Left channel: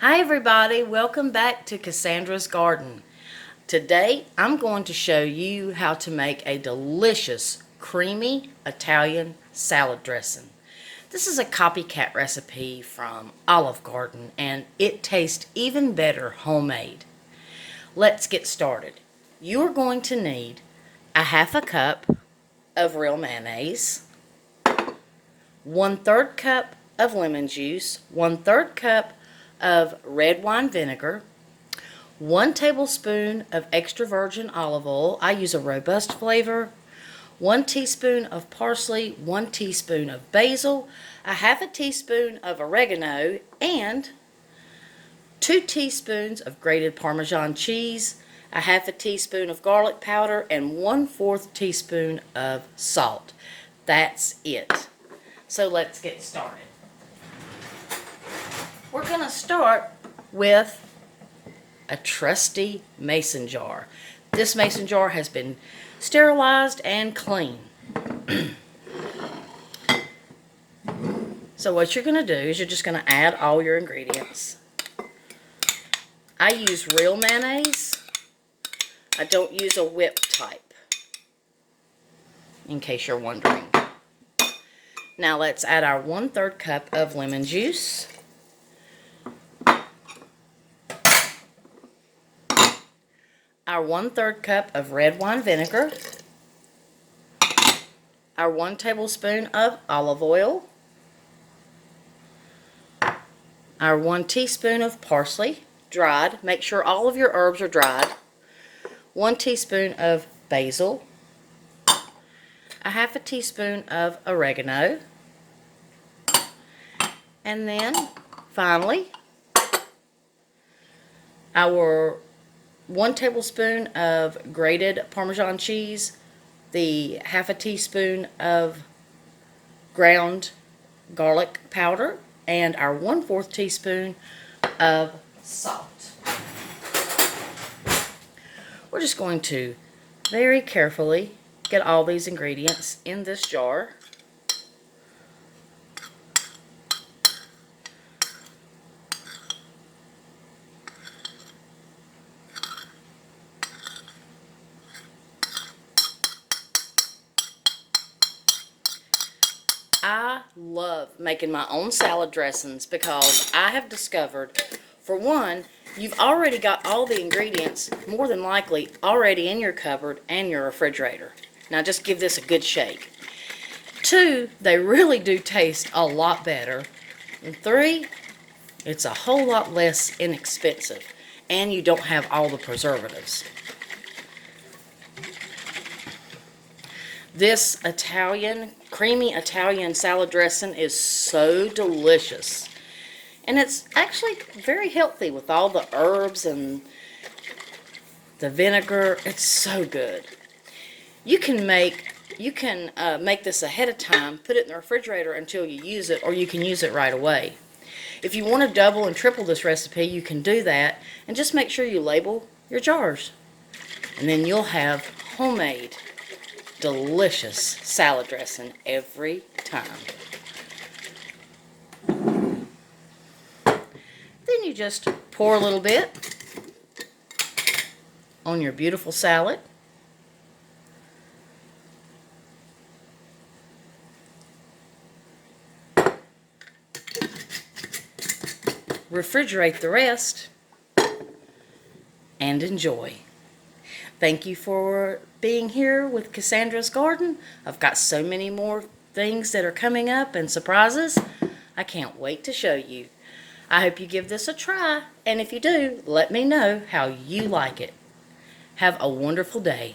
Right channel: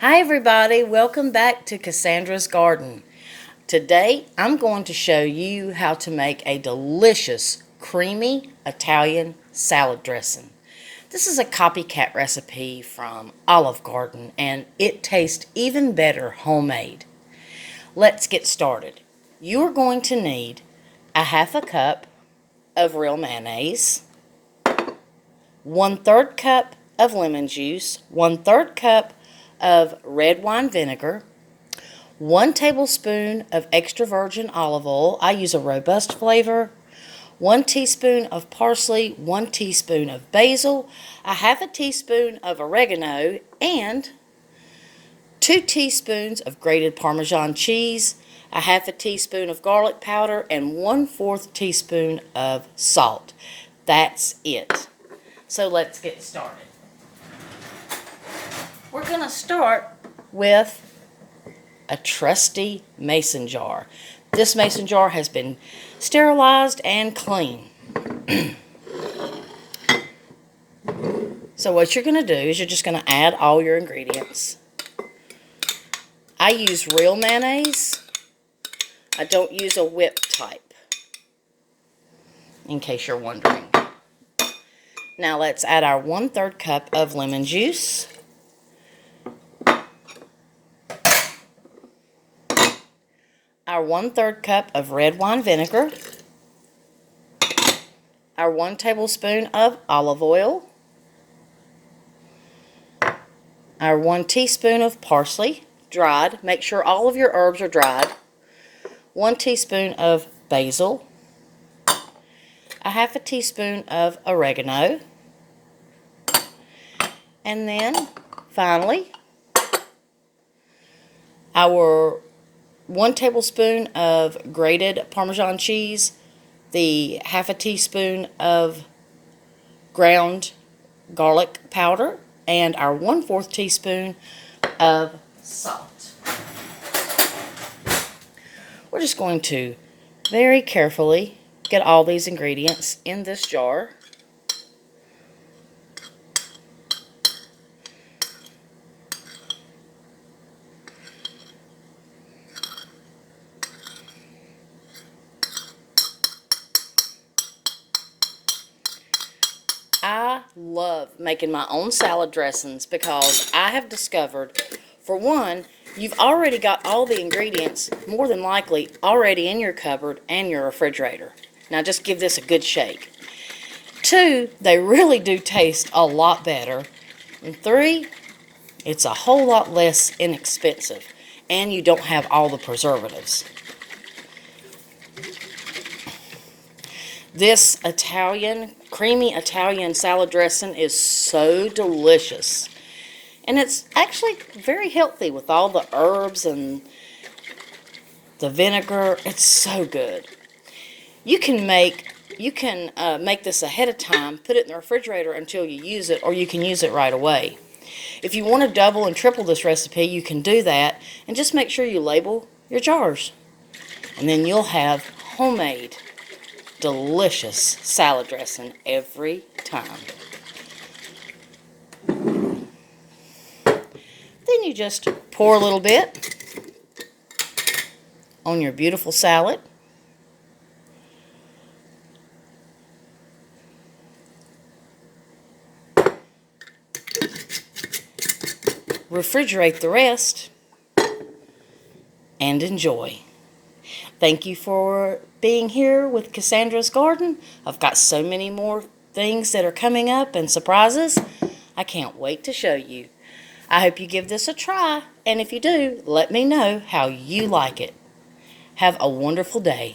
Hi everybody, welcome back to Cassandra's Garden. Today I'm going to show you how to make a delicious creamy Italian salad dressing. This is a copycat recipe from Olive Garden and it tastes even better homemade. Let's get started. You're going to need a half a cup of real mayonnaise, 1/3 cup of lemon juice, 1/3 cup of red wine vinegar, 1 tablespoon of extra virgin olive oil. I use a robust flavor. 1 teaspoon of parsley, 1 teaspoon of basil, a half a teaspoon of oregano, and 2 teaspoons of grated parmesan cheese, a half a teaspoon of garlic powder, and 1/4 teaspoon of salt. That's it. So let's get started. We're going to start with a trusty mason jar. This mason jar has been sterilized and clean. So what you're going to do is you're just going to add all your ingredients. I use real mayonnaise. I don't use a whip type, in case you're wondering. Now let's add our 1/3 cup of lemon juice. Our 1/3 cup of red wine vinegar. Our 1 tablespoon of olive oil. Our 1 teaspoon of parsley, dried. Make sure all of your herbs are dried. 1 teaspoon of basil. A half a teaspoon of oregano. And then, finally, our 1 tablespoon of grated Parmesan cheese, the half a teaspoon of ground garlic powder, and our 1/4 teaspoon of salt. We're just going to very carefully get all these ingredients in this jar. I love making my own salad dressings because I have discovered, for one, you've already got all the ingredients, more than likely, already in your cupboard and your refrigerator. Now just give this a good shake. 2, they really do taste a lot better. And 3, it's a whole lot less inexpensive. And you don't have all the preservatives. This creamy Italian salad dressing is so delicious. And it's actually very healthy with all the herbs and the vinegar. It's so good. You can make this ahead of time, put it in the refrigerator until you use it, or you can use it right away. If you want to double and triple this recipe, you can do that, and just make sure you label your jars. And then you'll have homemade delicious salad dressing every time. Then you just pour a little bit on your beautiful salad. Refrigerate the rest and enjoy. Thank you for being here with Cassandra's Garden. I've got so many more things that are coming up and surprises. I can't wait to show you. I hope you give this a try, and if you do, let me know how you like it. Have a wonderful day.